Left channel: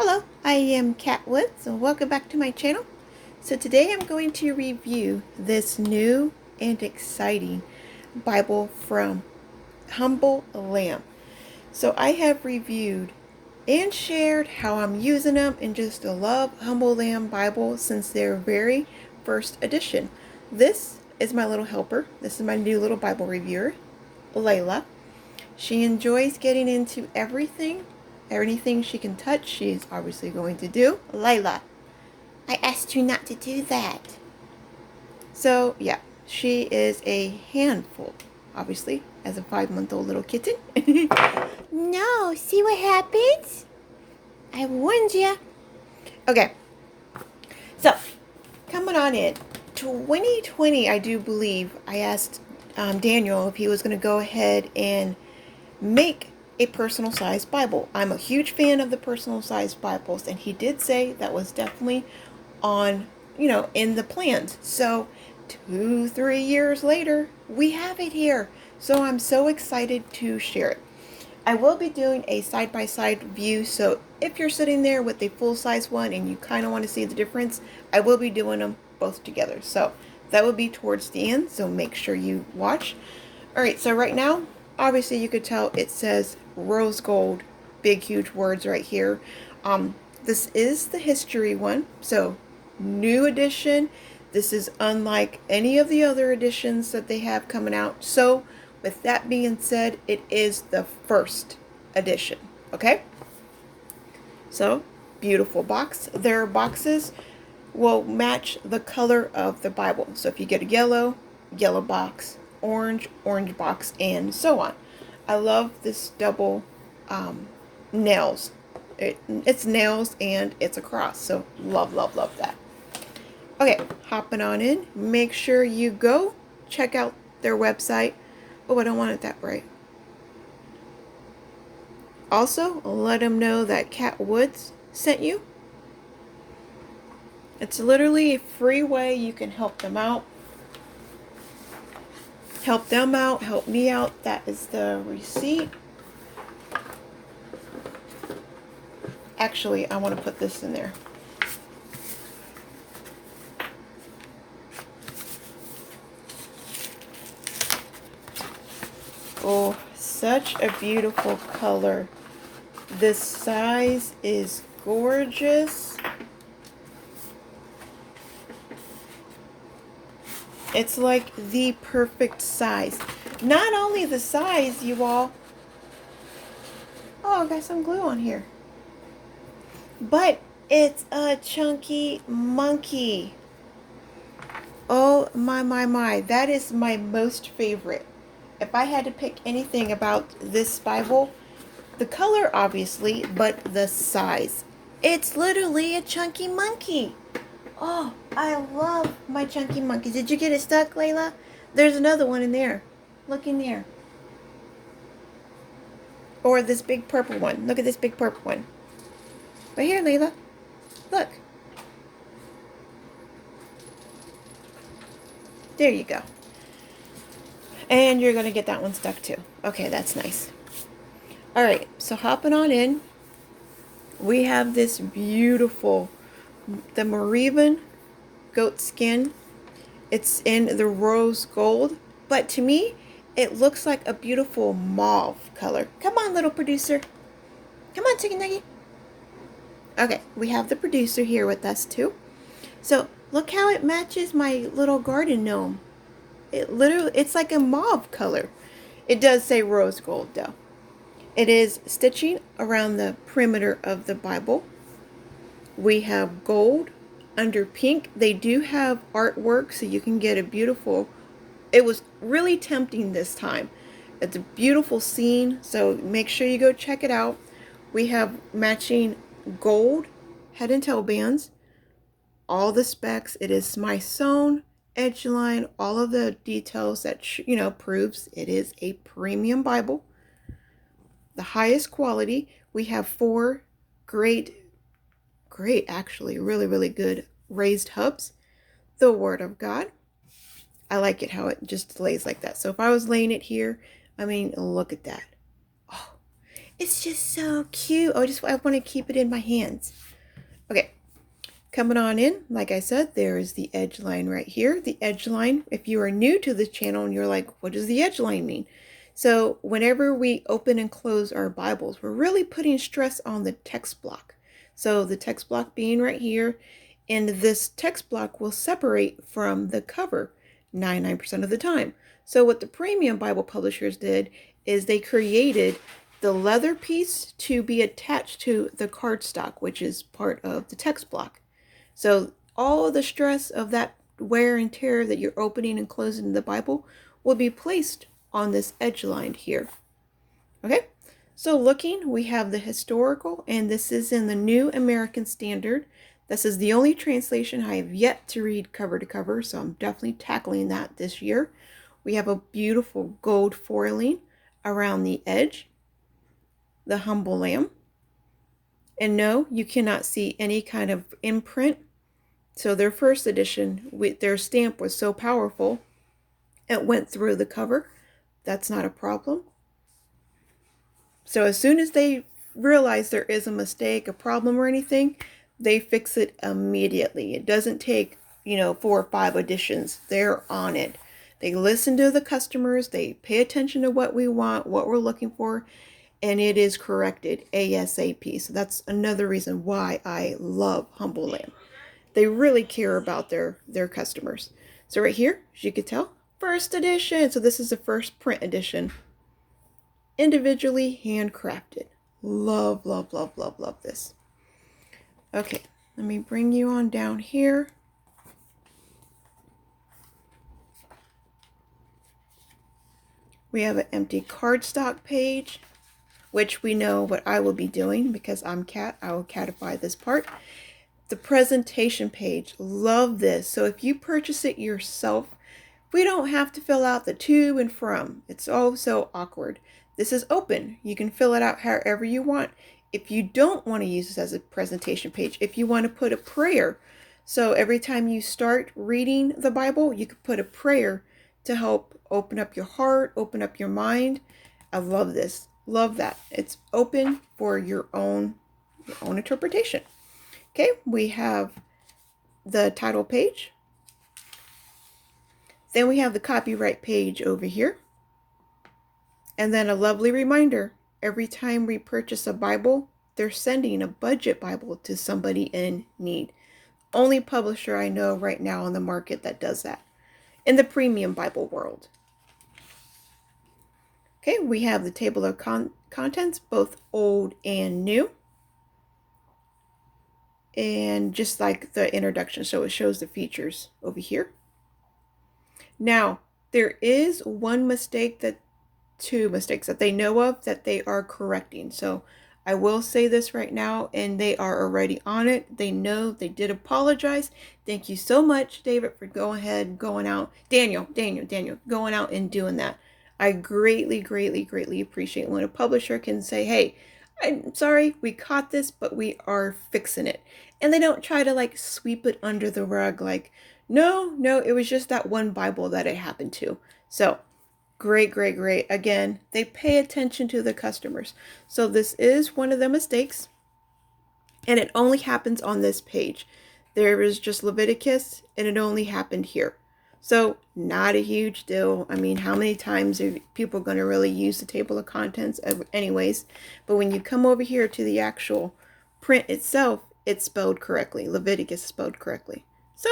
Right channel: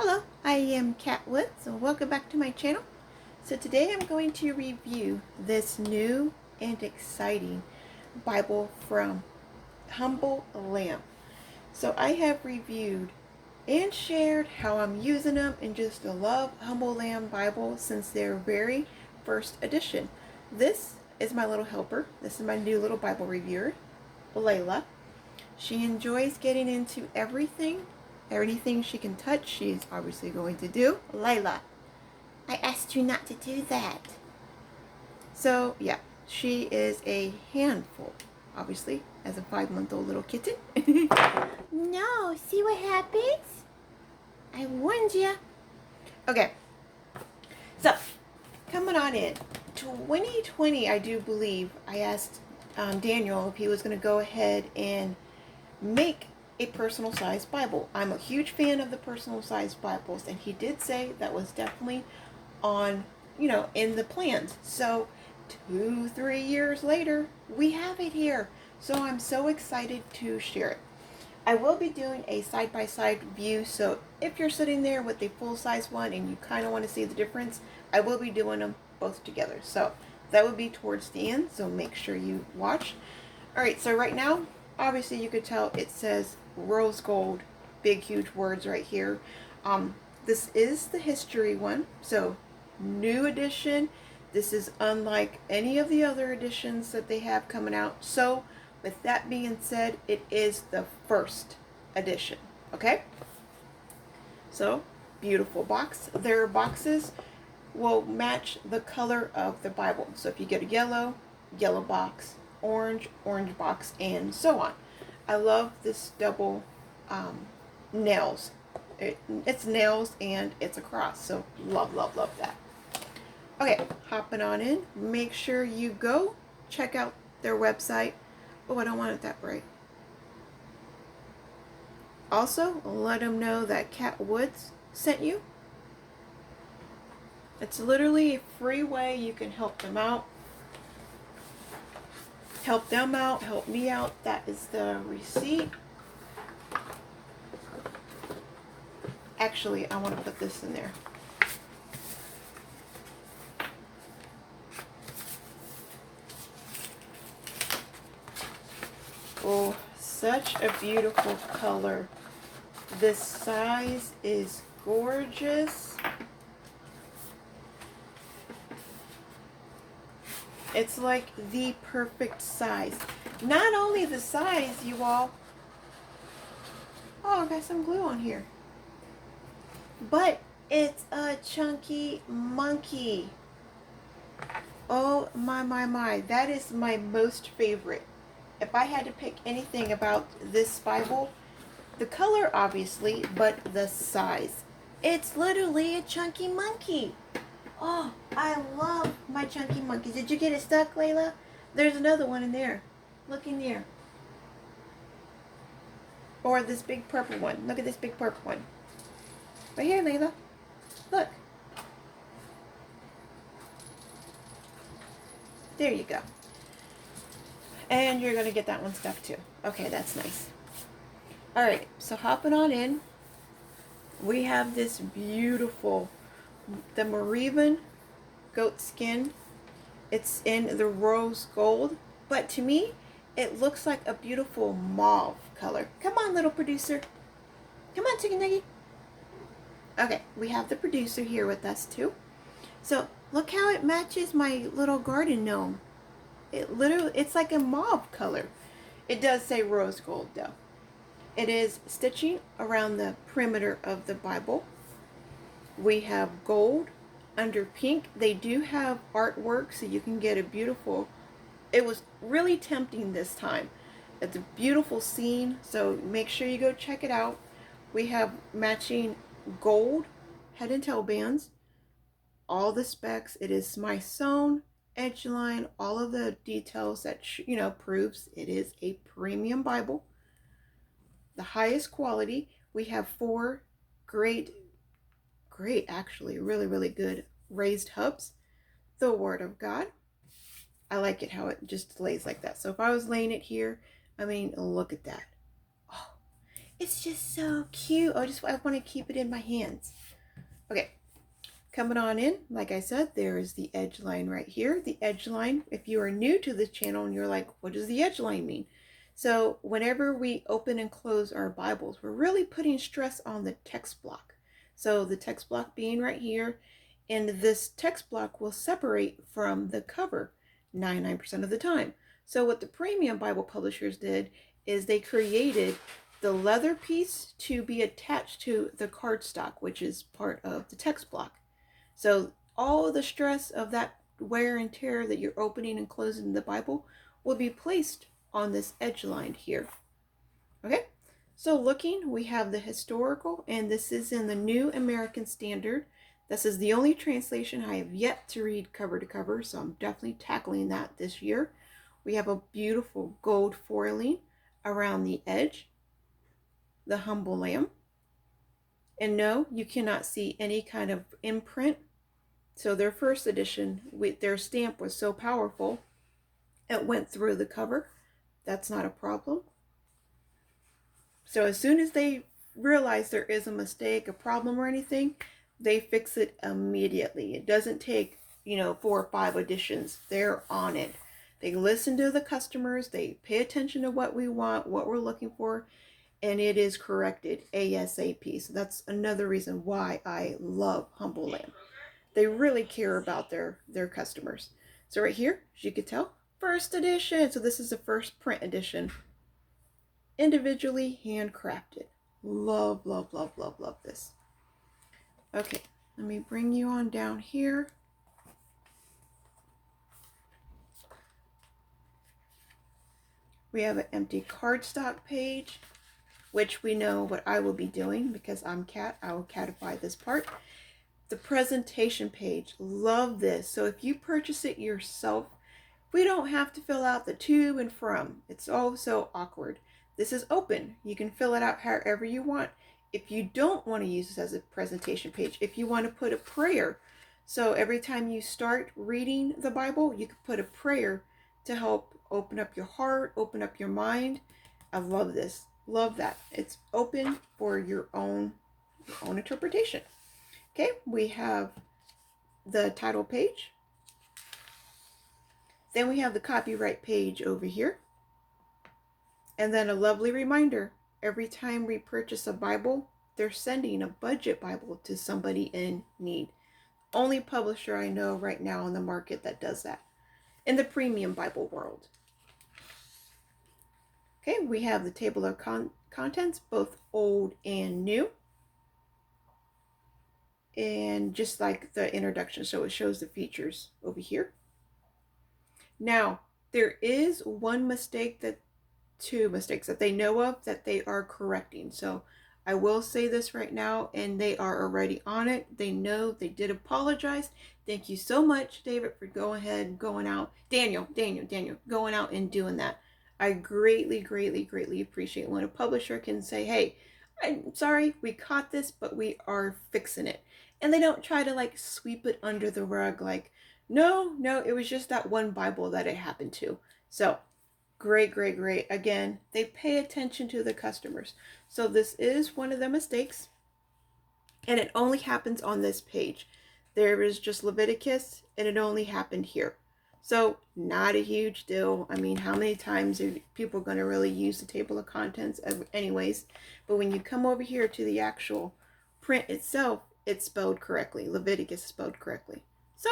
Hello, I am Kat Woods, and welcome back to my channel. So today I'm going to review this new and exciting Bible from Humble Lamb. So I have reviewed and shared how I'm using them and just love Humble Lamb Bible since their very first edition. This is my little helper. This is my new little Bible reviewer, Layla. She enjoys getting into everything. Anything she can touch, she's obviously going to do. Layla, I asked you not to do that. So, yeah, she is a handful, obviously, as a 5-month-old little kitten. No, see what happens? I warned you. Okay, so coming on in. 2020, I do believe, I asked Daniel if he was going to go ahead and make a personal sized Bible. I'm a huge fan of the personal sized Bibles, and he did say that was definitely on, in the plans. So 2-3 years later, we have it here. So I'm so excited to share it. I will be doing a side-by-side view, so if you're sitting there with a full-size one and you kind of want to see the difference, I will be doing them both together. So that will be towards the end, so make sure you watch. Alright, so right now, obviously you could tell it says rose gold, big huge words right here. This is the history one, so new edition. This is unlike any of the other editions that they have coming out. So with that being said, it is the first edition. Okay, so beautiful box. Their boxes will match the color of the Bible. So if you get a yellow box, orange box, and so on. I love this double nails. It's nails and it's a cross. So love that. Okay, hopping on in. Make sure you go check out their website. Oh, I don't want it that bright. Also, let them know that Kat Woods sent you. It's literally a free way you can help them out. Help them out, help me out. That is the receipt. Actually, I want to put this in there. Oh, such a beautiful color. This size is gorgeous. It's like the perfect size. Not only the size, you all. Oh, I got some glue on here. But it's a chunky monkey. Oh my. That is my most favorite. If I had to pick anything about this Bible, the color obviously, but the size. It's literally a chunky monkey. Oh, I love my chunky monkeys. Did you get it stuck, Layla? There's another one in there. Look in there. Or this big purple one. Look at this big purple one. Right here, Layla. Look. There you go. And you're going to get that one stuck too. Okay, that's nice. Alright, so hopping on in. We have this beautiful, the Moravian goat skin. It's in the rose gold. But to me, it looks like a beautiful mauve color. Come on, little producer. Come on, Chicken Nugget. Okay, we have the producer here with us too. So look how it matches my little garden gnome. It's like a mauve color. It does say rose gold though. It is stitching around the perimeter of the Bible. We have gold under pink. They do have artwork so you can get a beautiful. It was really tempting this time. It's a beautiful scene, so make sure you go check it out. We have matching gold head and tail bands. All the specs. It is Smythsonian edge line, all of the details that proves it is a premium Bible, the highest quality. We have 4 great actually really good raised hubs. The Word of God. I like it how it just lays like that. So if I was laying it here, I mean, look at that. Oh, It's just so cute. I want to keep it in my hands. Okay, coming on in, like I said, there is the edge line right here. The edge line, if you are new to this channel and you're like, what does the edge line mean? So whenever we open and close our Bibles, we're really putting stress on the text block. So the text block being right here, and this text block will separate from the cover 99% of the time. So what the premium Bible publishers did is they created the leather piece to be attached to the cardstock, which is part of the text block. So all of the stress of that wear and tear that you're opening and closing the Bible will be placed on this edge line here. Okay, so looking, we have the historical, and this is in the New American Standard. This is the only translation I have yet to read cover to cover, so I'm definitely tackling that this year. We have a beautiful gold foiling around the edge, the humble lamb. And no, you cannot see any kind of imprint. So their first edition, their stamp was so powerful, it went through the cover. That's not a problem. So as soon as they realize there is a mistake, a problem or anything, they fix it immediately. It doesn't take, 4 or 5 editions. They're on it. They listen to the customers. They pay attention to what we want, what we're looking for, and it is corrected ASAP. So that's another reason why I love Humble Lamb. They really care about their customers. So right here, as you can tell, first edition. So this is the first print edition. Individually handcrafted. Love, love, love, love, love this. Okay, let me bring you on down here. We have an empty cardstock page, which we know what I will be doing because I'm Cat. I will catify this part. The presentation page, love this. So if you purchase it yourself, we don't have to fill out the to and from. It's all so awkward. This is open. You can fill it out however you want. If you don't want to use this as a presentation page, if you want to put a prayer, so every time you start reading the Bible, you could put a prayer to help open up your heart, open up your mind. I love this. Love that. It's open for your own interpretation. Okay, we have the title page. Then we have the copyright page over here. And then a lovely reminder, every time we purchase a Bible, they're sending a budget Bible to somebody in need. Only publisher I know right now on the market that does that in the premium Bible world. Okay, we have the table of contents, both old and new. And just like the introduction, so it shows the features over here. Now, there is two mistakes that they know of that they are correcting. So I will say this right now, and they are already on it. They know, they did apologize. Thank you so much, David, for going out. Daniel, going out and doing that. I greatly, greatly, greatly appreciate when a publisher can say, hey, I'm sorry, we caught this, but we are fixing it. And they don't try to like sweep it under the rug like, no, it was just that one Bible that it happened to. So great, great, great. Again, they pay attention to the customers. So this is one of the mistakes, and it only happens on this page. There is just Leviticus, and it only happened here. So not a huge deal. I mean, how many times are people going to really use the table of contents anyways? But when you come over here to the actual print itself, it's spelled correctly. Leviticus is spelled correctly. So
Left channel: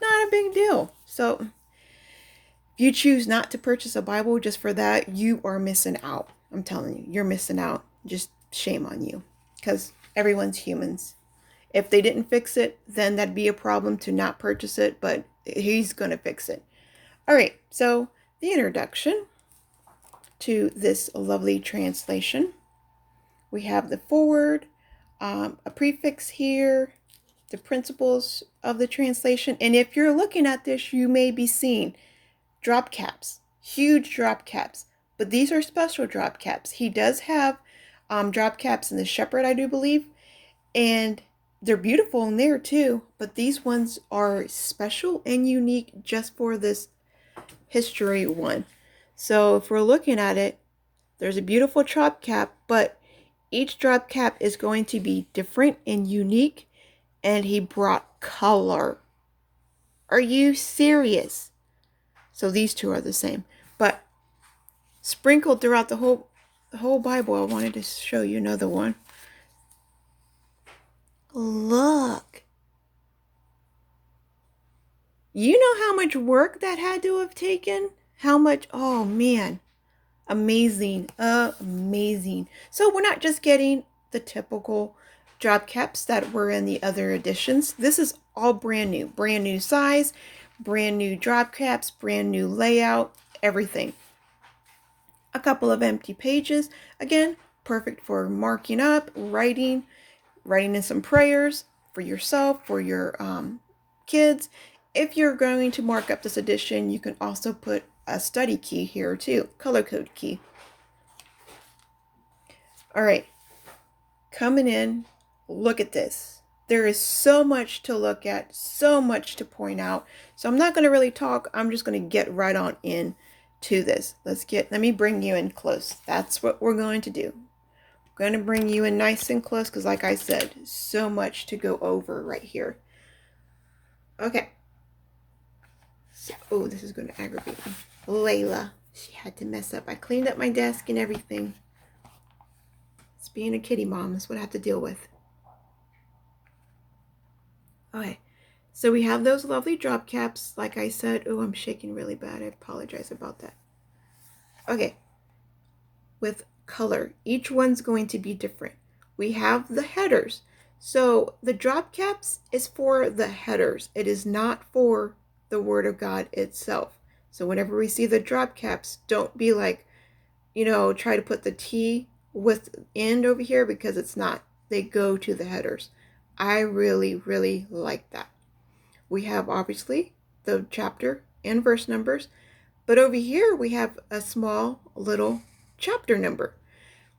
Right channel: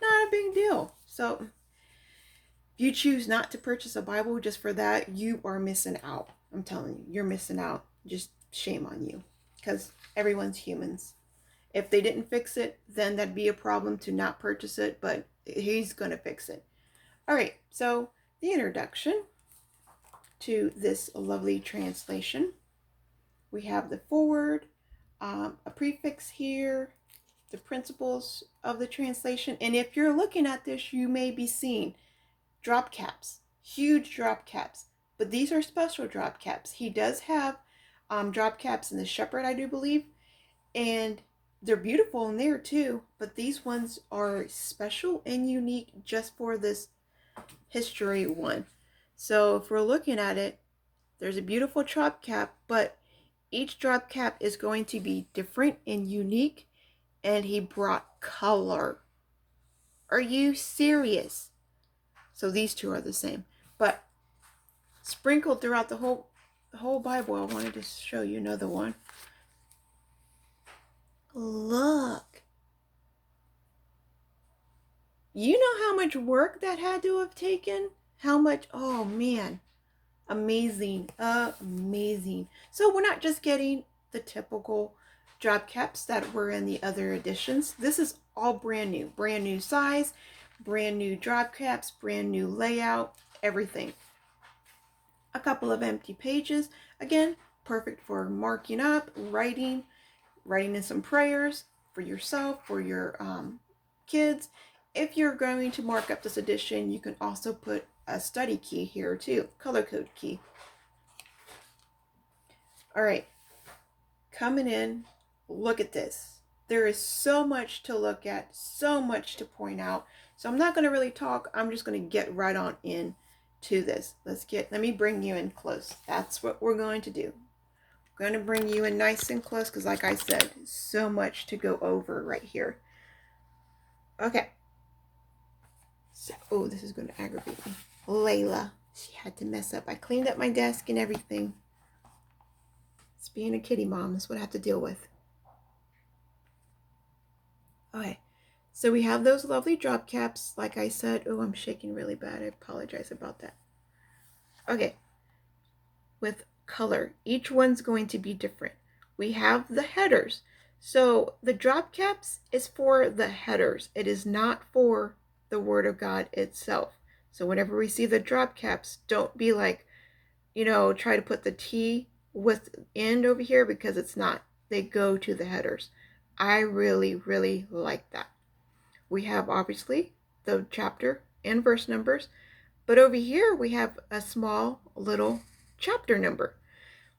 not a big deal. So if you choose not to purchase a Bible just for that, you are missing out. I'm telling you, you're missing out. Just shame on you, because everyone's humans. If they didn't fix it, then that'd be a problem to not purchase it, but he's going to fix it. All right, so the introduction to this lovely translation. We have the foreword, a prefix here, the principles of the translation. And if you're looking at this, you may be seeing drop caps, huge drop caps, but these are special drop caps. He does have drop caps in the Shepherd, I do believe, and they're beautiful in there too, but these ones are special and unique just for this history one. So if we're looking at it, there's a beautiful drop cap, but Each drop cap is going to be different and unique, and he brought color. Are you serious? So these two are the same, but sprinkled throughout the whole Bible. I wanted to show you another one. Look. You know how much work that had to have taken? How much? Oh man. Amazing. Amazing. So we're not just getting the typical drop caps that were in the other editions. This is all brand new. Brand new size, brand new drop caps, brand new layout, everything. A couple of empty pages. Again, perfect for marking up, writing in some prayers for yourself, for your kids. If you're going to mark up this edition, you can also put a study key here too, color code key. All right, coming in, look at this. There is so much to look at, so much to point out. So I'm not going to really talk. I'm just going to get right on in to this. Let me bring you in close. That's what we're going to do. I'm going to bring you in nice and close because like I said, so much to go over right here. Okay. So, oh, this is going to aggravate me. Layla, she had to mess up. I cleaned up my desk and everything. It's being a kitty mom. That's what I have to deal with. Okay, so we have those lovely drop caps. Like I said, oh, I'm shaking really bad. I apologize about that. Okay, with color. Each one's going to be different. We have the headers. So the drop caps is for the headers. It is not for the Word of God itself. So whenever we see the drop caps, don't be like, try to put the T with end over here because it's not. They go to the headers. I really, really like that. We have obviously the chapter and verse numbers, but over here we have a small little chapter number,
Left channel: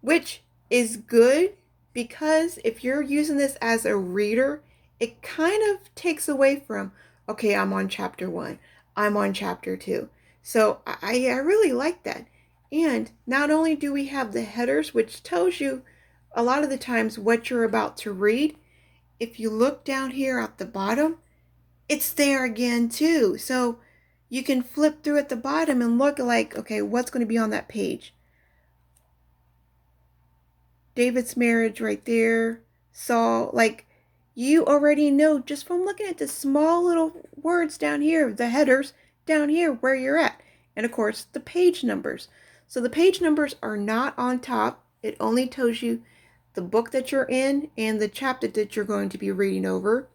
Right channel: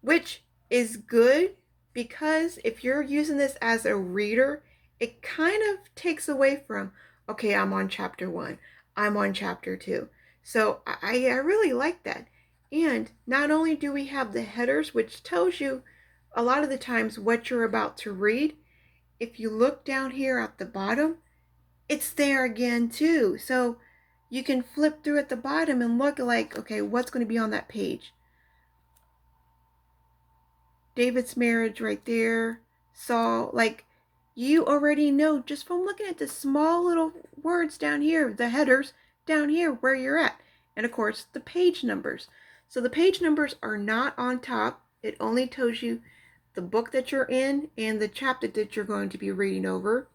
which is good because if you're using this as a reader, it kind of takes away from, okay, I'm on chapter 1, I'm on chapter 2. So I really like that. And not only do we have the headers, which tells you a lot of the times what you're about to read, if you look down here at the bottom, it's there again too. So you can flip through at the bottom and look like, okay, what's going to be on that page? David's marriage right there. Saul, like you already know just from looking at the small little words down here, the headers down here where you're at. And of course, the page numbers. So the page numbers are not on top. It only tells you the book that you're in and the chapter that you're going to be reading over.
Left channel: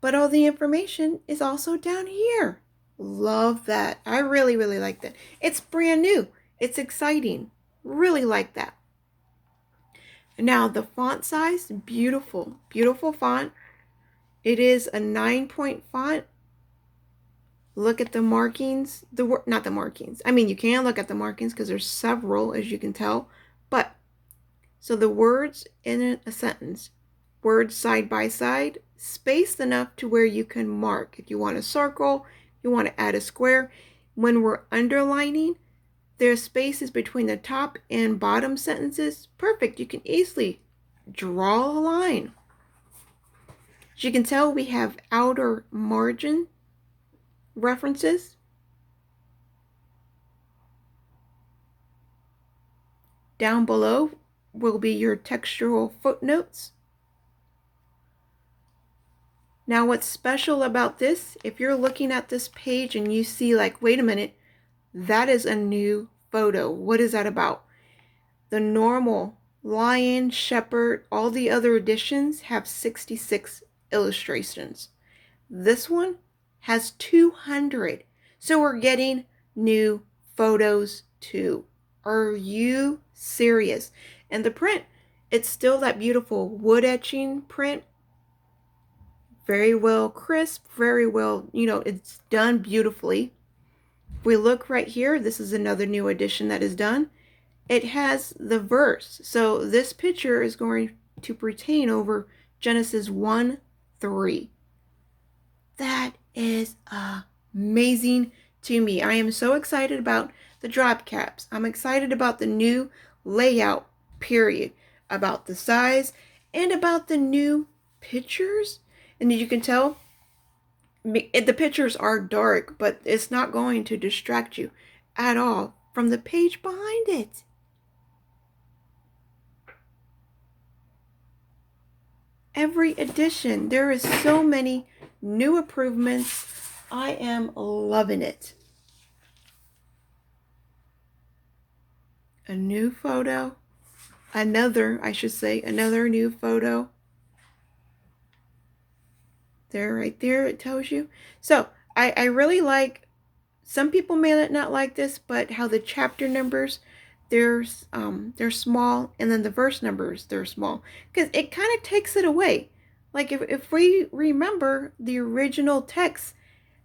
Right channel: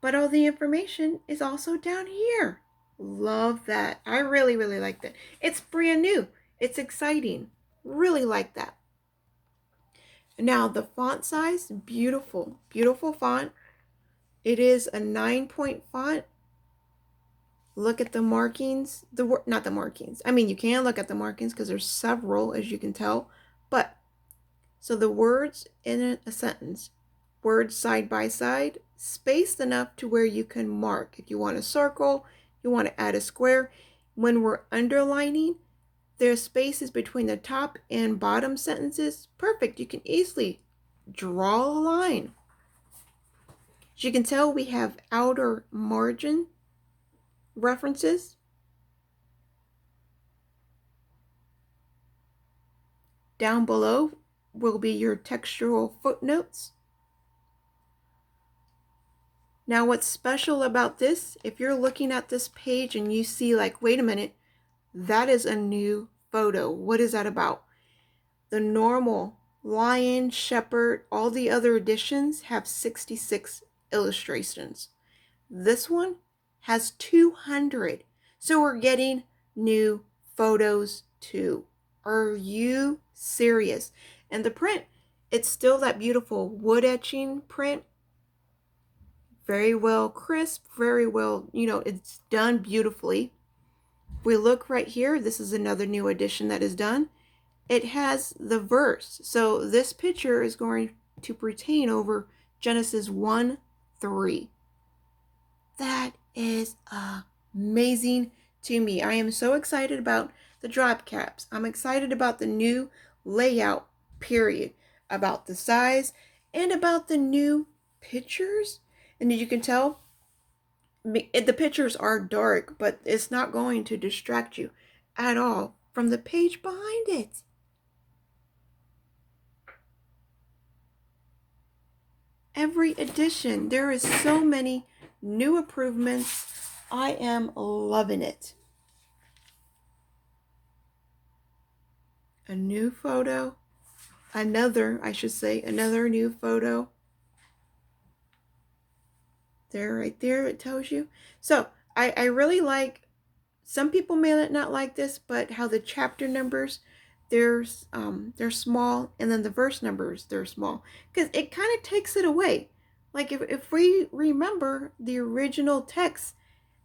But all the information is also down here. Love that. I really, really like that. It's brand new. It's exciting. Really like that. Now the font size, beautiful. Beautiful font. It is a 9-point font. Look at the markings. Not the markings. I mean, you can look at the markings because there's several, as you can tell. But, so the words in a sentence, words side by side, spaced enough to where you can mark. If you want to circle, you want to add a square. When we're underlining, there's spaces between the top and bottom sentences. Perfect. You can easily draw a line. As you can tell, we have outer margin references. Down below will be your textual footnotes. Now what's special about this, if you're looking at this page and you see like, wait a minute, that is a new photo. What is that about? The normal lion, shepherd, all the other editions have 66 illustrations. This one has 200. So we're getting new photos too. Are you serious? And the print, it's still that beautiful wood etching print. Very well crisp, very well, it's done beautifully. If we look right here, this is another new edition that is done. It has the verse. So this picture is going to pertain over Genesis 1:3. That is amazing to me. I am so excited about the drop caps. I'm excited about the new layout, period. about the size, and about the new pictures. And as you can tell, the pictures are dark, but it's not going to distract you at all from the page behind it. Every edition, there is so many new improvements. I am loving it. A new photo. Another new photo. There, right there, it tells you. So, I really like, some people may not like this, but how the chapter numbers, they're small, and then the verse numbers, they're small. Because it kind of takes it away. Like, if we remember the original text,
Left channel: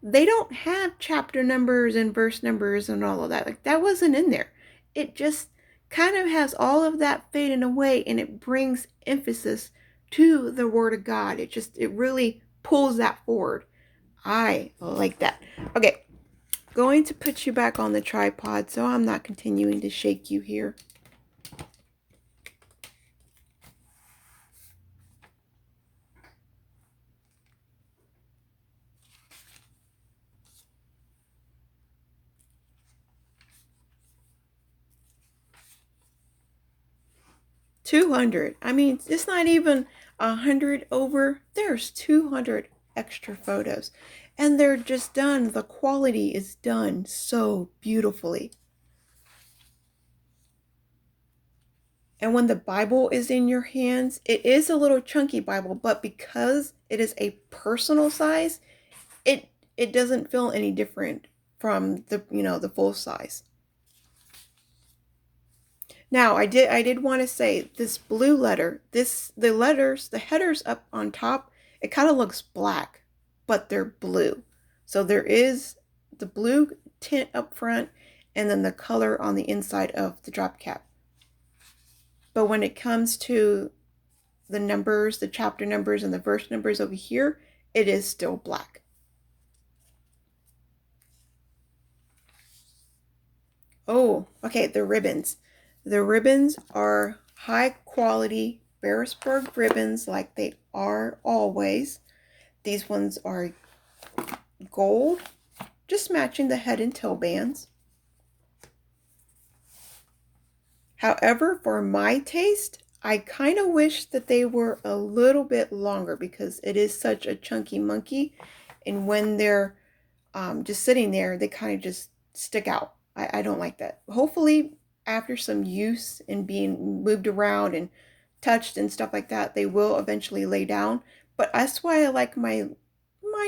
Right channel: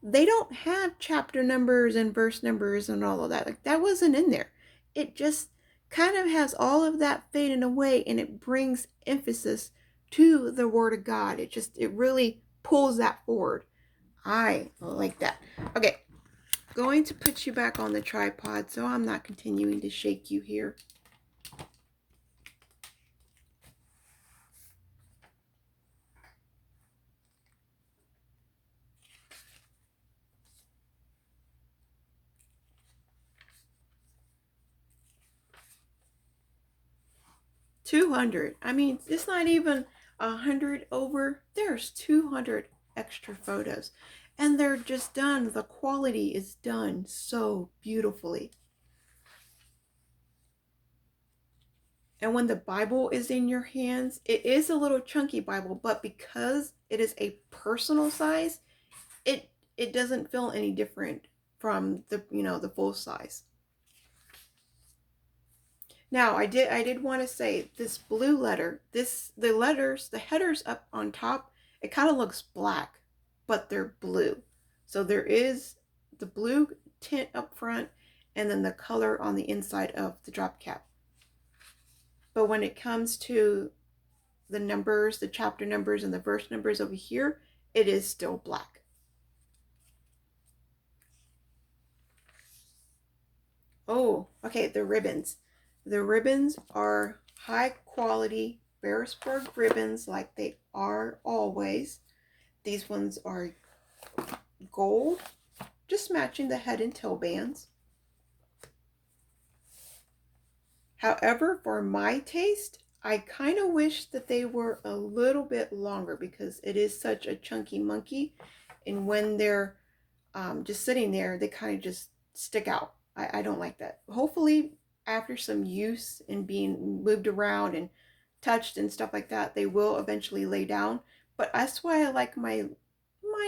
they don't have chapter numbers and verse numbers and all of that. Like, that wasn't in there. It just kind of has all of that fading away, and it brings emphasis to the Word of God. It really pulls that forward. I like that. Okay, going to put you back on the tripod so I'm not continuing to shake you here. $200. I mean, it's not even 100 over. There's 200 extra photos. And they're just done. The quality is done so beautifully. And when the Bible is in your hands, it is a little chunky Bible, but because it is a personal size, it doesn't feel any different from the full size. Now, I did want to say this blue letter, the headers up on top, it kind of looks black, but they're blue. So there is the blue tint up front, and then the color on the inside of the drop cap. But when it comes to the numbers, the chapter numbers, and the verse numbers over here, it is still black. Oh, okay, the ribbons. The ribbons are high quality Beresford ribbons, like they are always. These ones are gold, just matching the head and tail bands. However, for my taste, I kind of wish that they were a little bit longer because it is such a chunky monkey. And when they're just sitting there, they kind of just stick out. I don't like that. Hopefully, after some use and being moved around and touched and stuff like that, they will eventually lay down. But that's why I like mine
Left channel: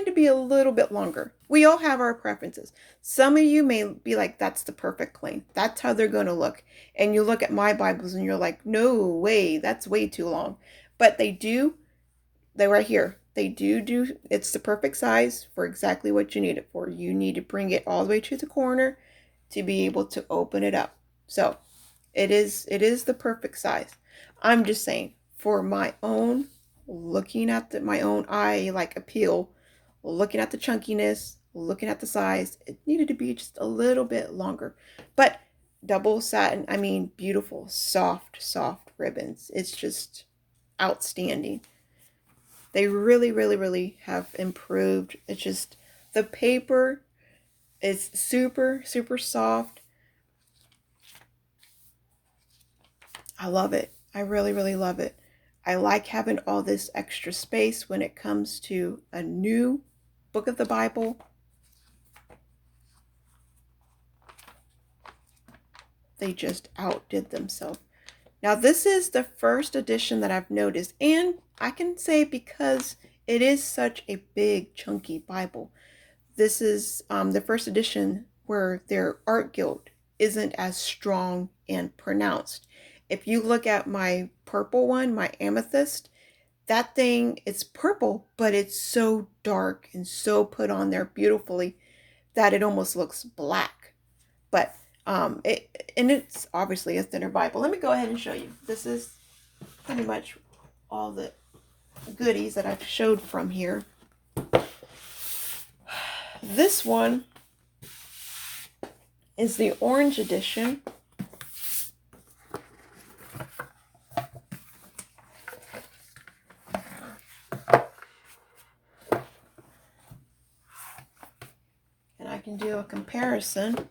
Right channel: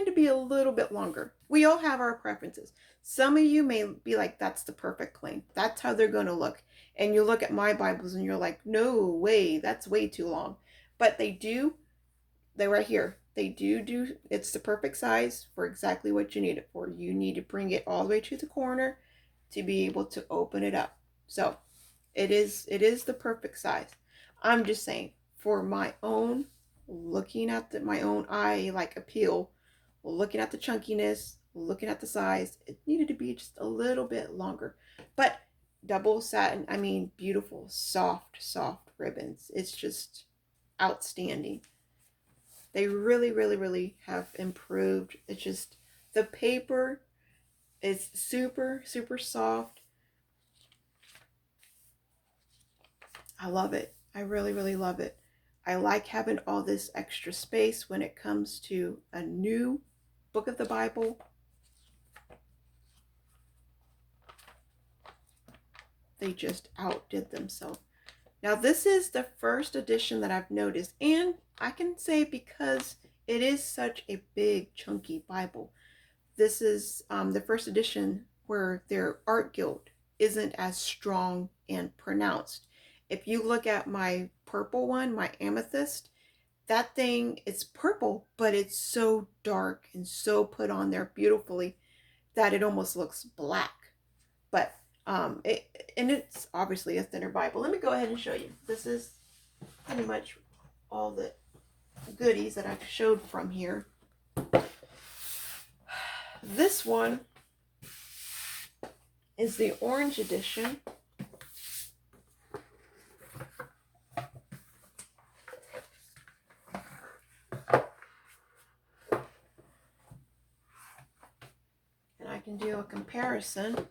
to be a little bit longer. We all have our preferences. Some of you may be like, that's the perfect length. That's how they're going to look. And you look at my Bibles and you're like, no way, that's way too long. But they're right here. They do, it's the perfect size for exactly what you need it for. You need to bring it all the way to the corner to be able to open it up. So it is the perfect size. I'm just saying, for my own, looking at my own eye like appeal, looking at the chunkiness, looking at the size, it needed to be just a little bit longer. But double satin, I mean, beautiful, soft ribbons. It's just outstanding. They really, really, really have improved. It's just, the paper is super, super soft. I love it. I really, really love it. I like having all this extra space when it comes to a new book of the Bible. They just outdid themselves. Now, this is the first edition that I've noticed, and I can say because it is such a big, chunky Bible, this is the first edition where their art guild isn't as strong and pronounced. If you look at my purple one, my amethyst, that thing, it's purple, but it's so dark and so put on there beautifully that it almost looks black. But it's obviously a thinner Bible. Let me go ahead and show you. This is pretty much all the goodies that I've showed from here. This one is the orange edition. can do a comparison.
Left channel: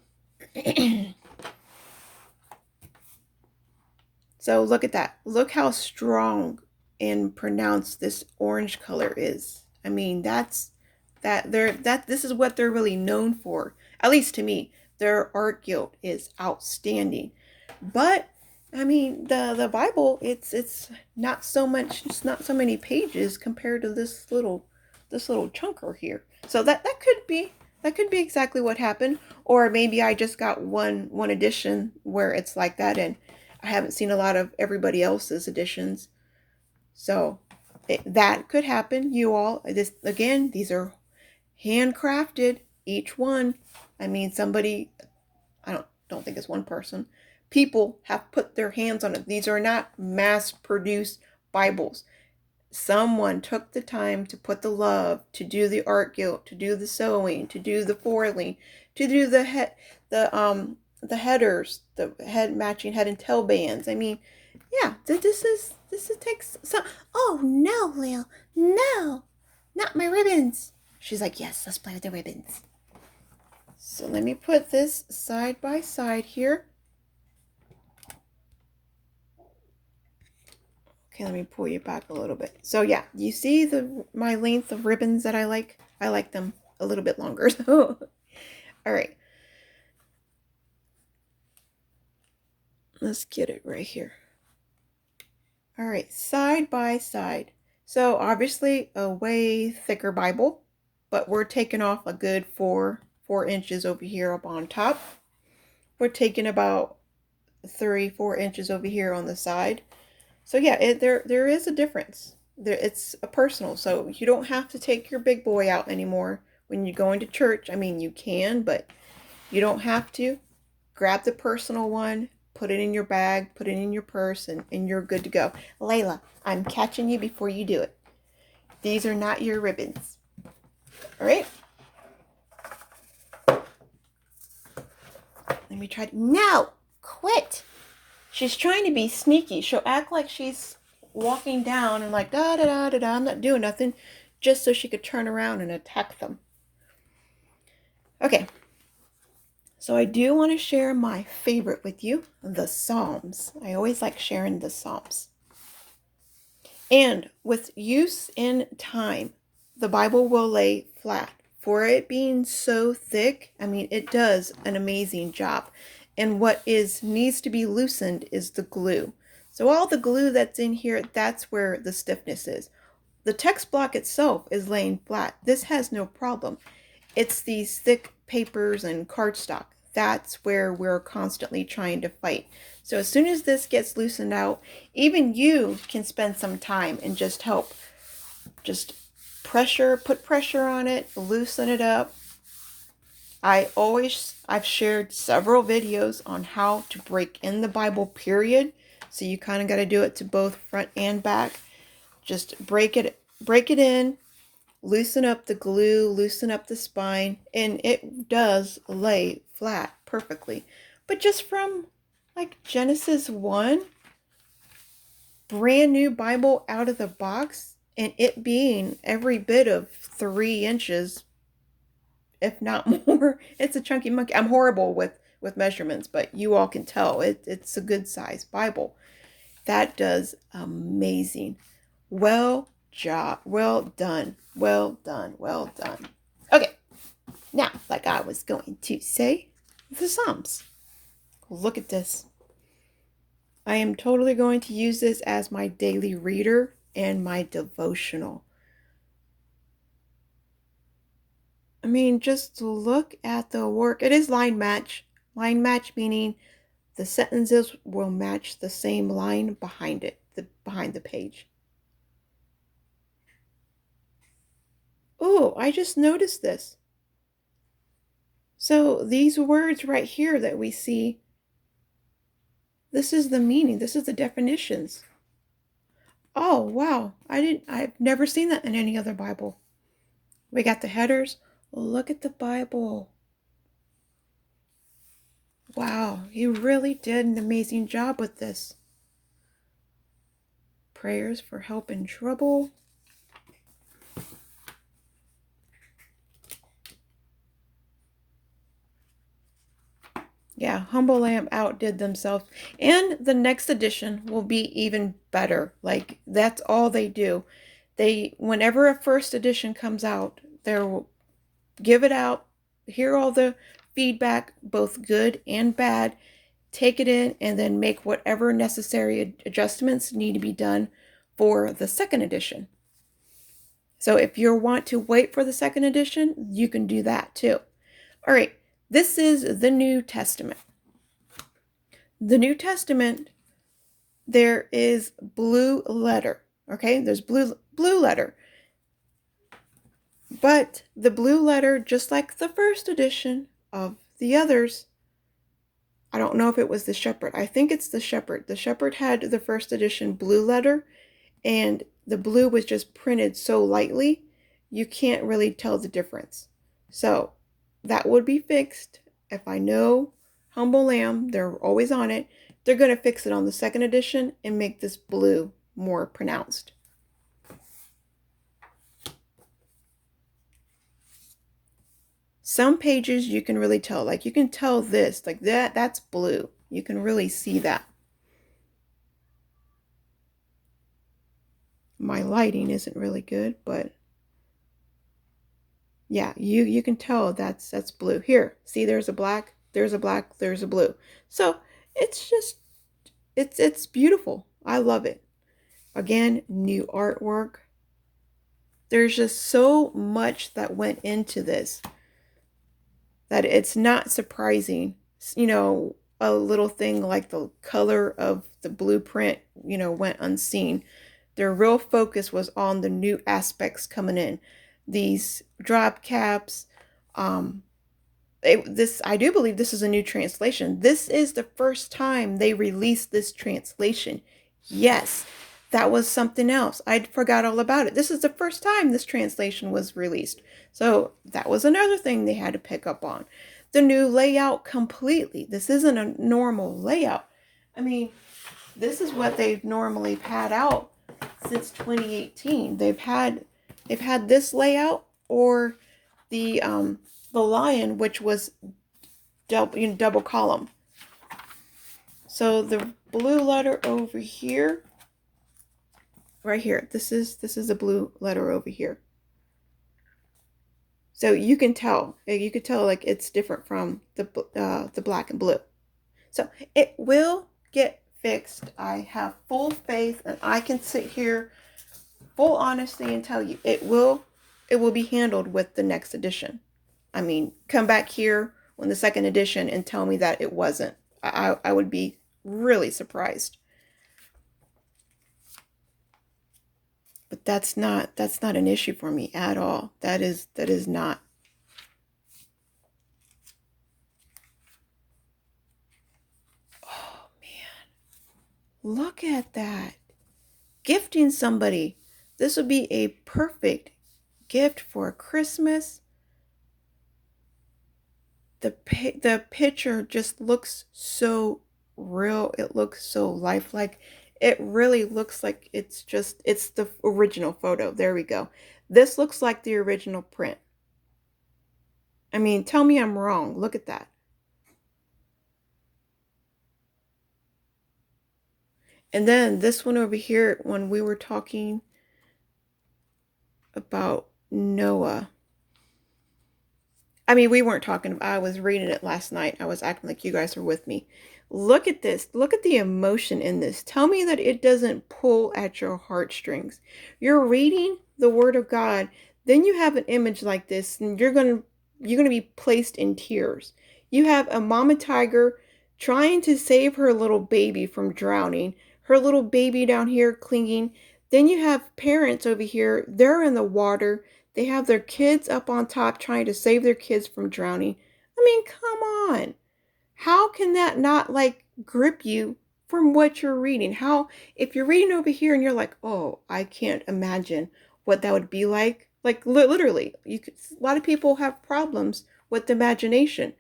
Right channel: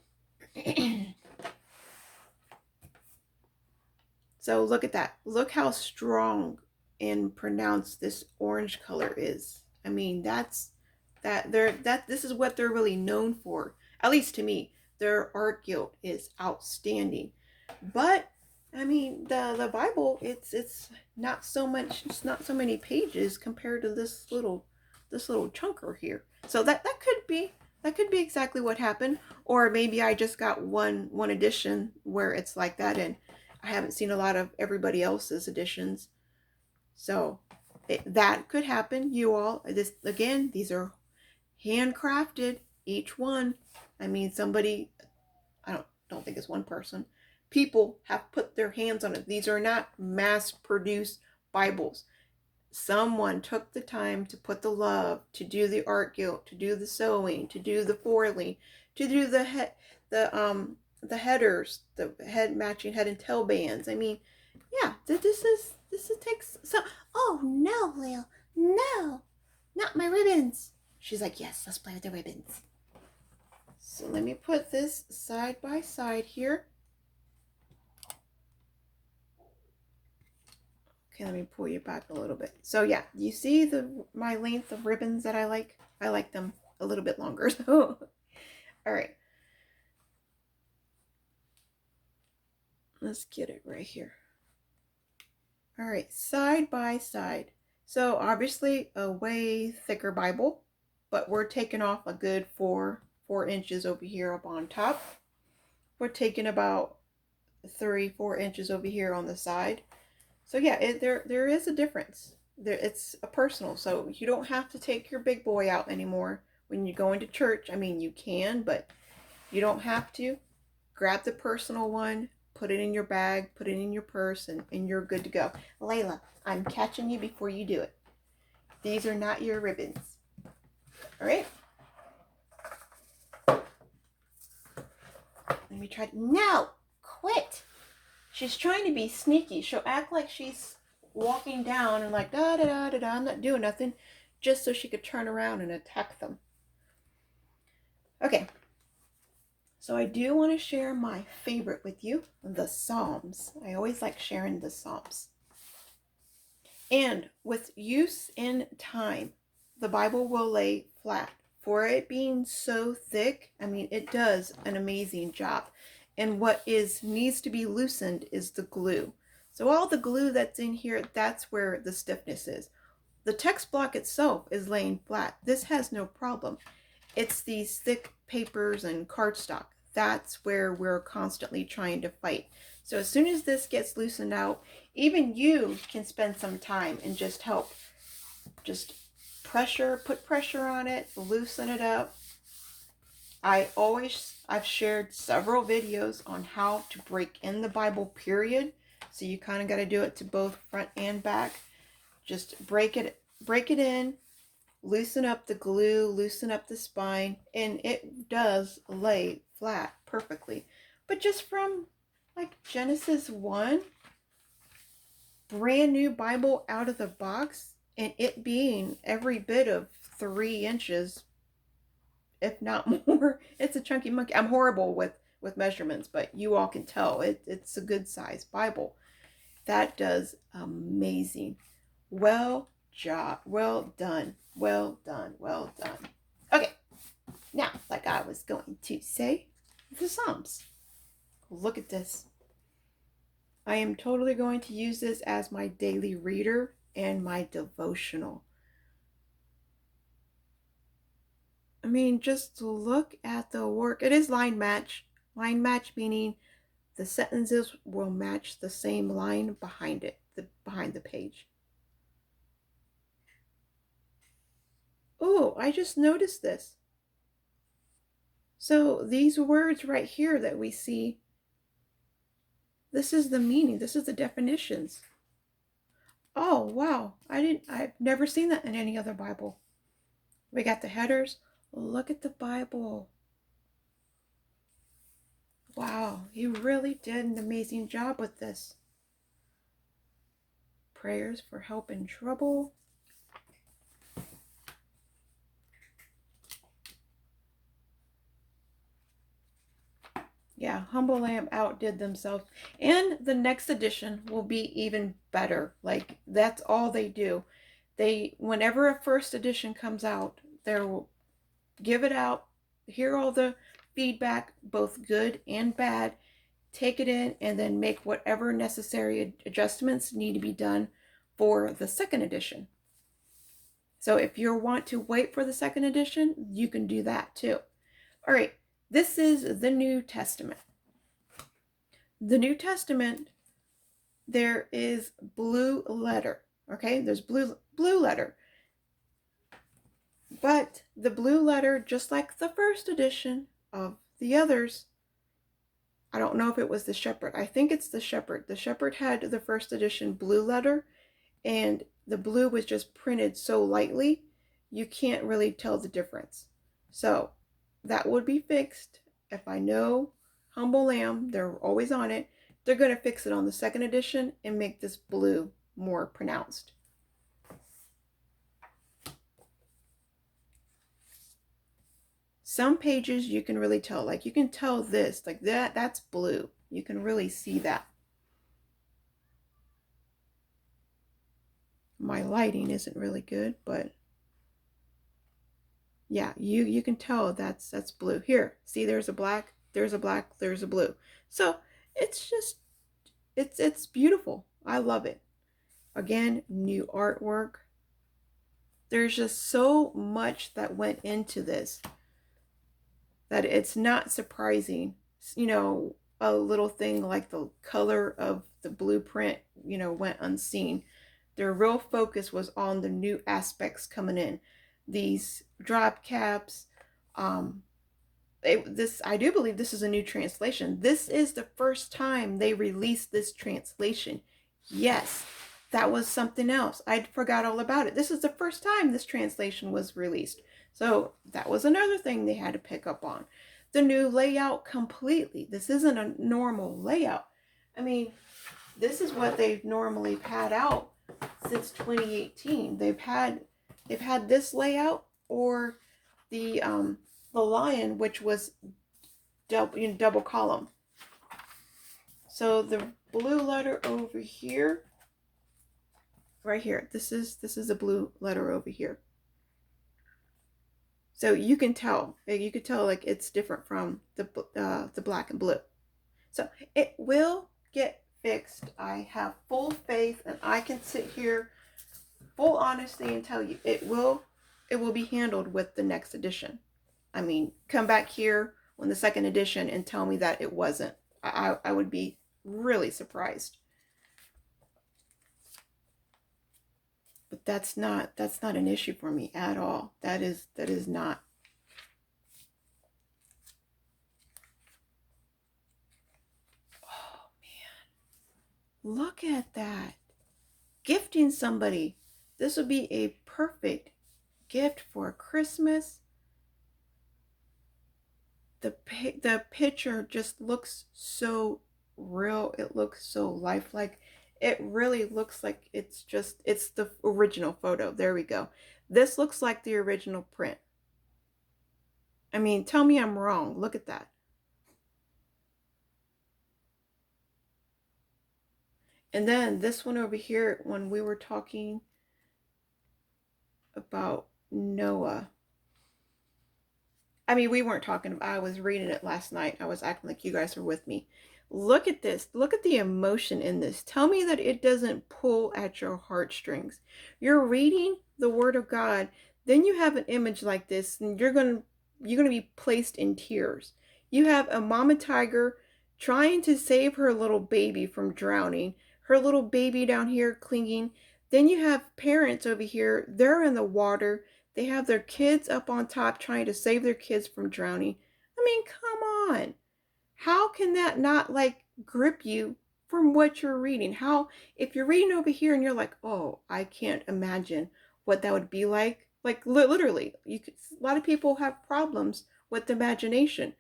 So look at that. Look how strong and pronounced this orange color is. I mean, this is what they're really known for. At least to me, their art guild is outstanding. But I mean, the Bible, it's not so much, it's not so many pages compared to this little chunker here. So that could be exactly what happened, or maybe I just got one edition where it's like that, and I haven't seen a lot of everybody else's editions. So that could happen. You all, this again, these are handcrafted, each one. I mean, somebody, I don't think it's one person. People have put their hands on it. These are not mass-produced Bibles. Someone took the time to put the love, to do the art guild, to do the sewing, to do the foiling, to do the headers, the head matching head and tail bands. I mean, yeah, this takes some. Oh no, Lil, no, not my ribbons. She's like, yes, let's play with the ribbons. So let me put this side by side here. Okay, let me pull you back a little bit. So yeah, you see my length of ribbons that I like? I like them a little bit longer. So, all right. Let's get it right here. All right, side by side. So obviously a way thicker Bible, but we're taking off a good four inches over here up on top. We're taking about 3-4 inches over here on the side. So yeah, there is a difference. It's a personal, so you don't have to take your big boy out anymore when you go into church. I mean, you can, but you don't have to. Grab the personal one, put it in your bag, put it in your purse, and you're good to go. Layla, I'm catching you before you do it. These are not your ribbons. All right? Let me try. No! Quit! She's trying to be sneaky. She'll act like she's walking down and like, da da da da da, I'm not doing nothing, just so she could turn around and attack them. Okay. So I do want to share my favorite with you, the Psalms. I always like sharing the Psalms. And with use in time, the Bible will lay flat. For it being so thick, I mean, it does an amazing job. And what needs to be loosened is the glue. So all the glue that's in here, that's where the stiffness is. The text block itself is laying flat. This has no problem. It's these thick papers and cardstock. That's where we're constantly trying to fight. So as soon as this gets loosened out, even you can spend some time and just help. Just put pressure on it, loosen it up. I've shared several videos on how to break in the Bible, period. So you kind of got to do it to both front and back. Just break it in, loosen up the glue, loosen up the spine, and it does lay flat perfectly. But just from like Genesis 1, brand new Bible out of the box, and it being every bit of 3 inches, if not more. It's a chunky monkey. I'm horrible with measurements, but you all can tell it's a good size Bible. That does amazing. Well done. Well done. Okay, now, like I was going to say, the Psalms. Look at this. I am totally going to use this as my daily reader and my devotional. I mean, just look at the work. It is line match. Line match meaning the sentences will match the same line behind it, behind the page. Oh, I just noticed this. So these words right here that we see, this is the meaning. This is the definitions. Oh, wow. I've never seen that in any other Bible. We got the headers. Look at the Bible. Wow, you really did an amazing job with this. Prayers for help in trouble. Humble Lamb outdid themselves. And the next edition will be even better. Like, that's all they do. Whenever a first edition comes out, they'll give it out, hear all the feedback, both good and bad, take it in, and then make whatever necessary adjustments need to be done for the second edition. So if you want to wait for the second edition, you can do that too. All right, this is the New Testament. The New Testament, there is blue letter. Okay, there's blue letter. But the blue letter, just like the first edition of the others, I don't know if it was the Shepherd. I think it's the Shepherd. The Shepherd had the first edition blue letter, and the blue was just printed so lightly, you can't really tell the difference. So that would be fixed. If I know Humble Lamb, they're always on it, they're going to fix it on the second edition and make this blue more pronounced. Some pages you can really tell, like you can tell this, like that's blue. You can really see that. My lighting isn't really good, but yeah, you can tell that's blue. Here, see, there's a black, there's a black, there's a blue. So it's just, it's beautiful. I love it. Again, new artwork. There's just so much that went into this that it's not surprising. You know, a little thing like the color of the blueprint, you know, went unseen. Their real focus was on the new aspects coming in. These drop caps, I do believe this is a new translation. This is the first time they released this translation. Yes, that was something else. I forgot all about it. This is the first time this translation was released. So that was another thing they had to pick up on. The new layout completely. This isn't a normal layout. I mean, this is what they've normally had out since 2018. They've had this layout, or the lion, which was double column. So the blue letter over here, right here. This is the blue letter over here. So you can tell like it's different from the black and blue. So it will get fixed. I have full faith, and I can sit here full honesty and tell you it will be handled with the next edition. I mean, come back here when the second edition and tell me that it wasn't. I would be really surprised. But that's not an issue for me at all. That is not. Oh man. Look at that. Gifting somebody. This would be a perfect gift for Christmas. The picture just looks so real. It looks so lifelike. It really looks like it's the original photo. There we go. This looks like the original print. I mean, tell me I'm wrong. Look at that. And then this one over here, when we were talking about Noah. I mean, we weren't talking. I was reading it last night. I was acting like you guys were with me. Look at this. Look at the emotion in this. Tell me that it doesn't pull at your heartstrings. You're reading the Word of God, then you have an image like this, and you're gonna be placed in tears. You have a mama tiger trying to save her little baby from drowning. Her little baby down here clinging. Then you have parents over here. They're in the water. They have their kids up on top trying to save their kids from drowning. I mean, come on. How can that not like grip you from what you're reading? How, if you're reading over here and you're like, oh, I can't imagine what that would be like. Like literally, a lot of people have problems with imagination.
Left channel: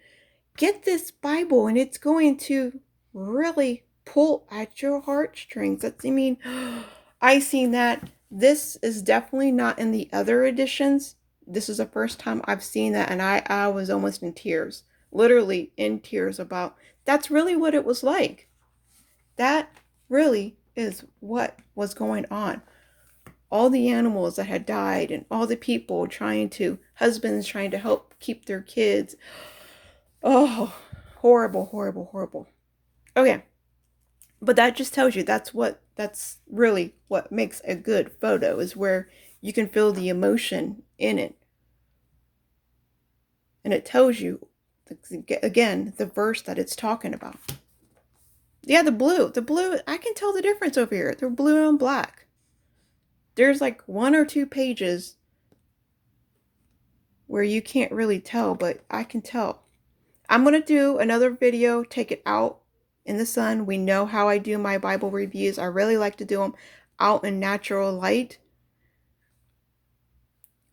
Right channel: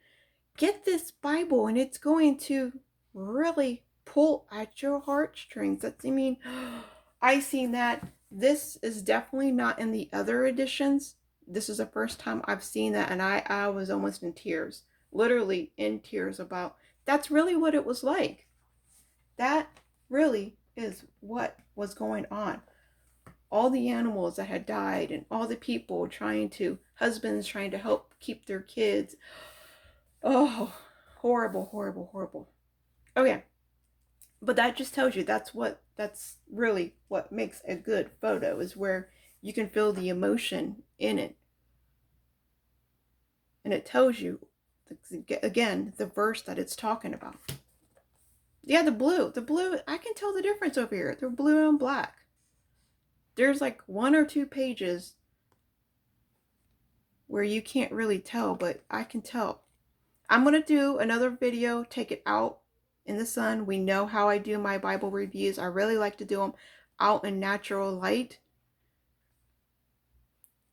Get this Bible and it's going to really pull at your heartstrings. I mean, I seen that. This is definitely not in the other editions. This is the first time I've seen that, and I was almost in tears, literally in tears about That's really what it was like. That really is what was going on. All the animals that had died and all the people husbands trying to help keep their kids. Oh, horrible, horrible, horrible. Okay, but that just tells you that's really what makes a good photo, is where you can feel the emotion in it. And it tells you, again, the verse that it's talking about. Yeah, the blue, I can tell the difference over here. They're blue and black. There's like one or two pages where you can't really tell, but I can tell. I'm going to do another video, take it out in the sun. We know how I do my Bible reviews. I really like to do them out in natural light.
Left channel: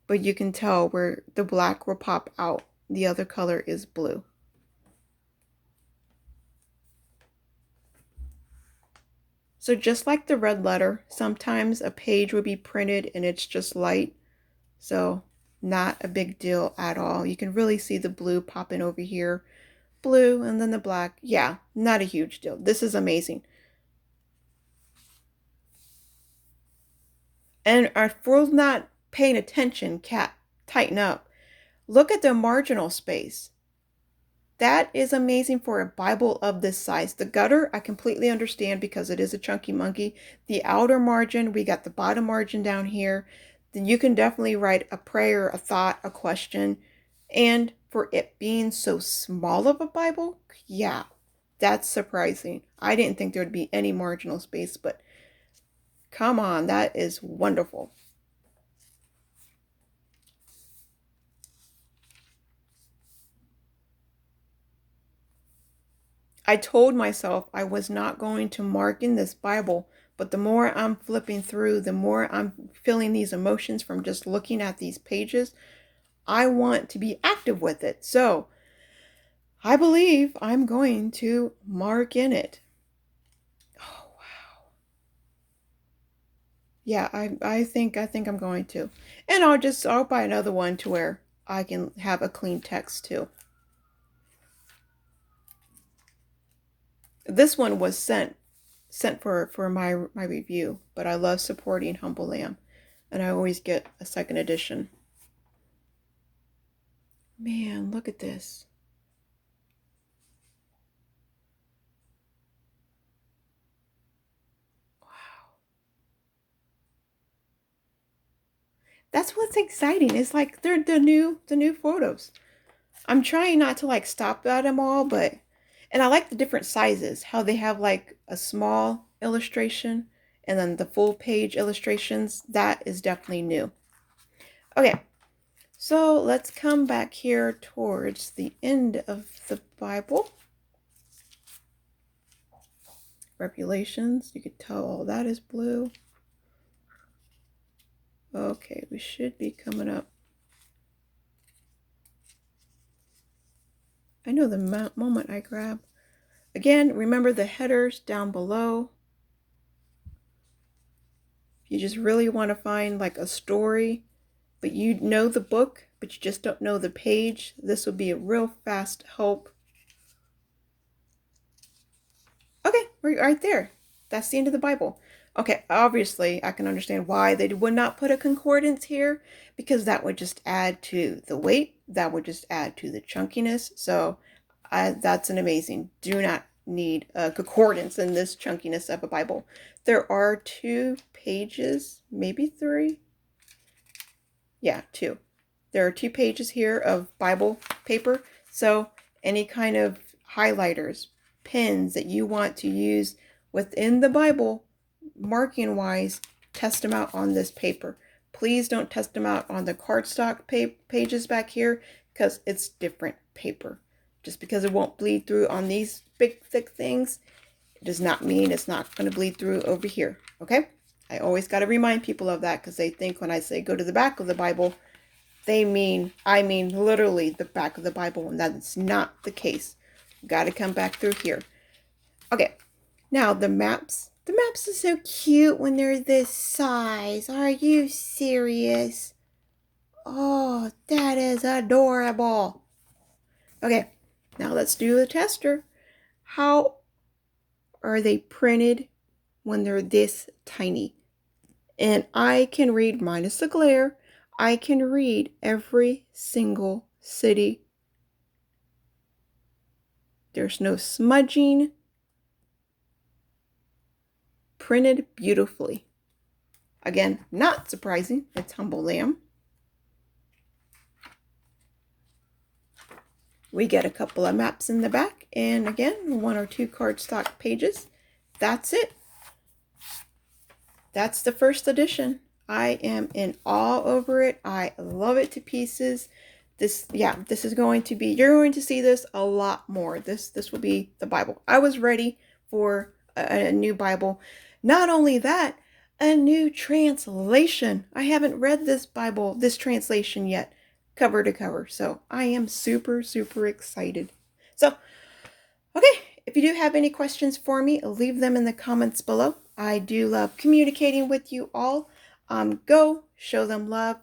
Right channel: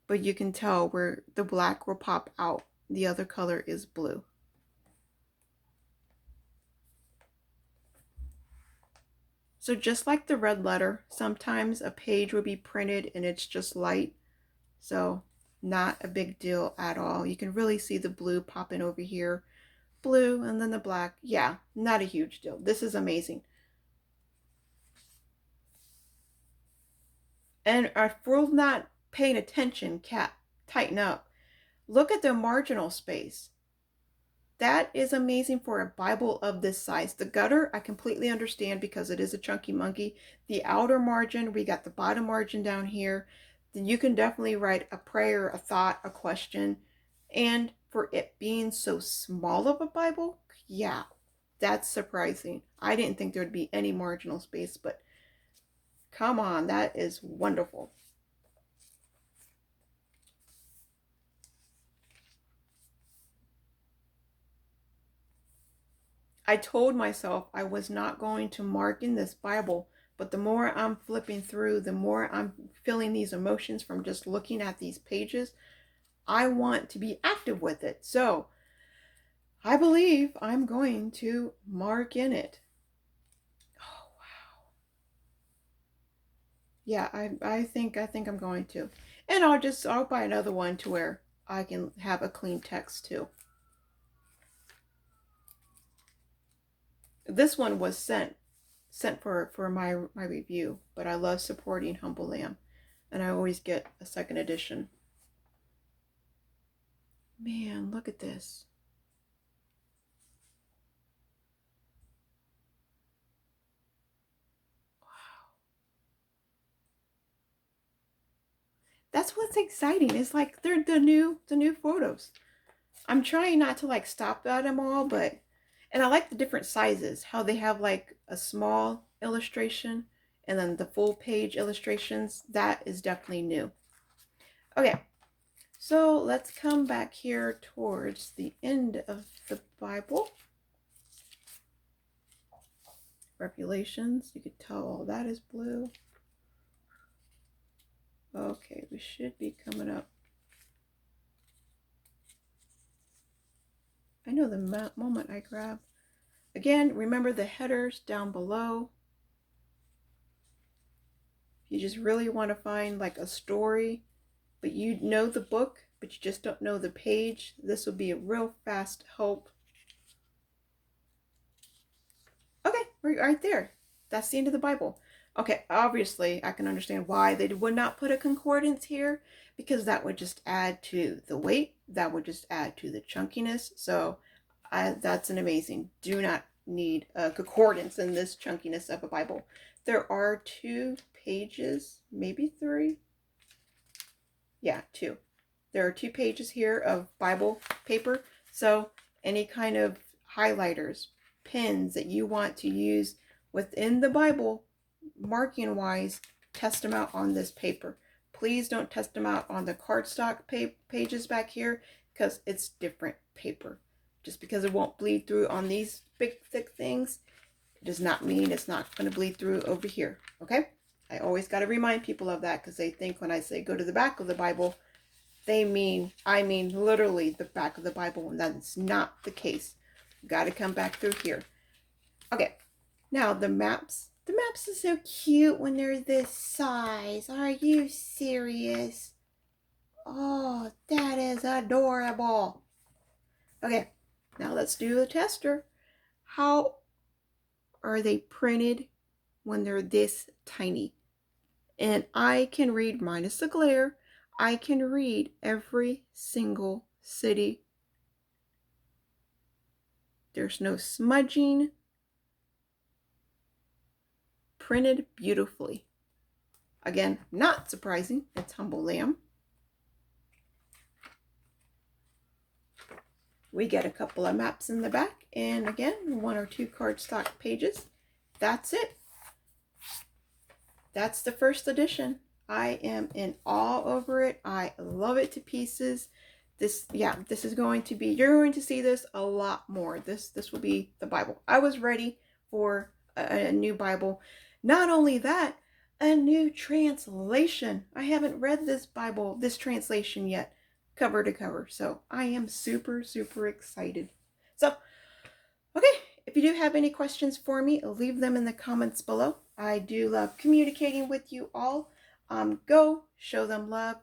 But you can tell where the black will pop out. The other color is blue. So just like the red letter, sometimes a page will be printed and it's just light. So not a big deal at all. You can really see the blue popping over here. Blue and then the black. Yeah, not a huge deal. This is amazing. And if we're not paying attention, cat, tighten up. Look at the marginal space. That is amazing for a Bible of this size. The gutter, I completely understand because it is a chunky monkey. The outer margin, we got the bottom margin down here. Then you can definitely write a prayer, a thought, a question. And for it being so small of a Bible, yeah, that's surprising. I didn't think there'd be any marginal space, but come on, that is wonderful. I told myself I was not going to mark in this Bible, but the more I'm flipping through, the more I'm feeling these emotions from just looking at these pages. I want to be active with it. So I believe I'm going to mark in it. Oh, wow. Yeah, I think I'm going to. And I'll buy another one to where I can have a clean text too. This one was sent for my review, but I love supporting Humble Lamb, and I always get a second edition. Man, look at this. Wow. That's what's exciting. It's like they're the new photos. I'm trying not to like stop at them all, but and I like the different sizes, how they have like a small illustration and then the full page illustrations. That is definitely new. Okay, so let's come back here towards the end of the Bible. Revelations, you could tell all that is blue. Okay, we should be coming up. I know the moment I grab. Again, remember the headers down below. If you just really want to find like a story, but you know the book, but you just don't know the page, this will be a real fast help. Okay, we're right there. That's the end of the Bible. Okay, obviously I can understand why they would not put a concordance here, because that would just add to the weight, that would just add to the chunkiness. So that's an amazing. Do not need a concordance in this chunkiness of a Bible. There are 2 pages, maybe 3. Yeah, 2. There are 2 pages here of Bible paper. So any kind of highlighters, pens that you want to use within the Bible, marking wise, test them out on this paper. Please don't test them out on the cardstock pages back here, because it's different paper. Just because it won't bleed through on these big thick things, it does not mean it's not going to bleed through over here. Okay? I always got to remind people of that, because they think when I say go to the back of the Bible, I mean literally the back of the Bible, and that's not the case. Got to come back through here. Okay, now the maps. The maps are so cute when they're this size. Are you serious? Oh, that is adorable. Okay, now let's do the tester. How are they printed when they're this tiny? And I can read, minus the glare, I can read every single city. There's no smudging. Printed beautifully. Again, not surprising, it's Humble Lamb. We get a couple of maps in the back, and again, 1 or 2 cardstock pages. That's it. That's the first edition. I am in awe over it. I love it to pieces. This is going to be, you're going to see this a lot more. This will be the Bible. I was ready for a new Bible. Not only that, a new translation. I haven't read this Bible, this translation yet, cover to cover. So I am super, super excited. So, okay, if you do have any questions for me, leave them in the comments below. I do love communicating with you all. Go show them love.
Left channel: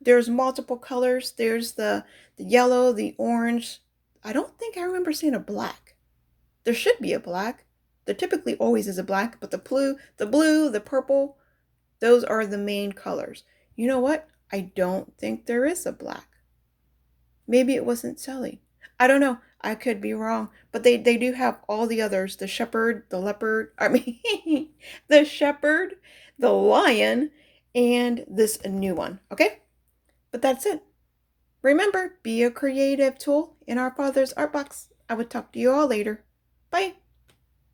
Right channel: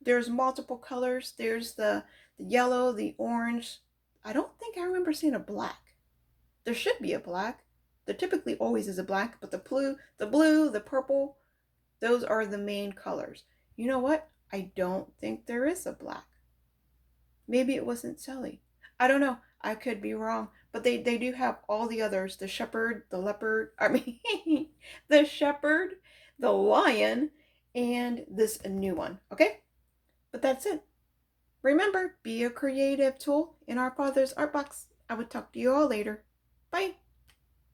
There's multiple colors. There's the yellow, the orange. I don't think I remember seeing a black. There should be a black. There typically always is a black, but the blue, the purple, those are the main colors. You know what? I don't think there is a black. Maybe it wasn't selling. I don't know. I could be wrong. But they do have all the others. The shepherd, the leopard, the shepherd, the lion, and this new one. Okay? But that's it. Remember, be a creative tool in our Father's art box. I will talk to you all later. Bye.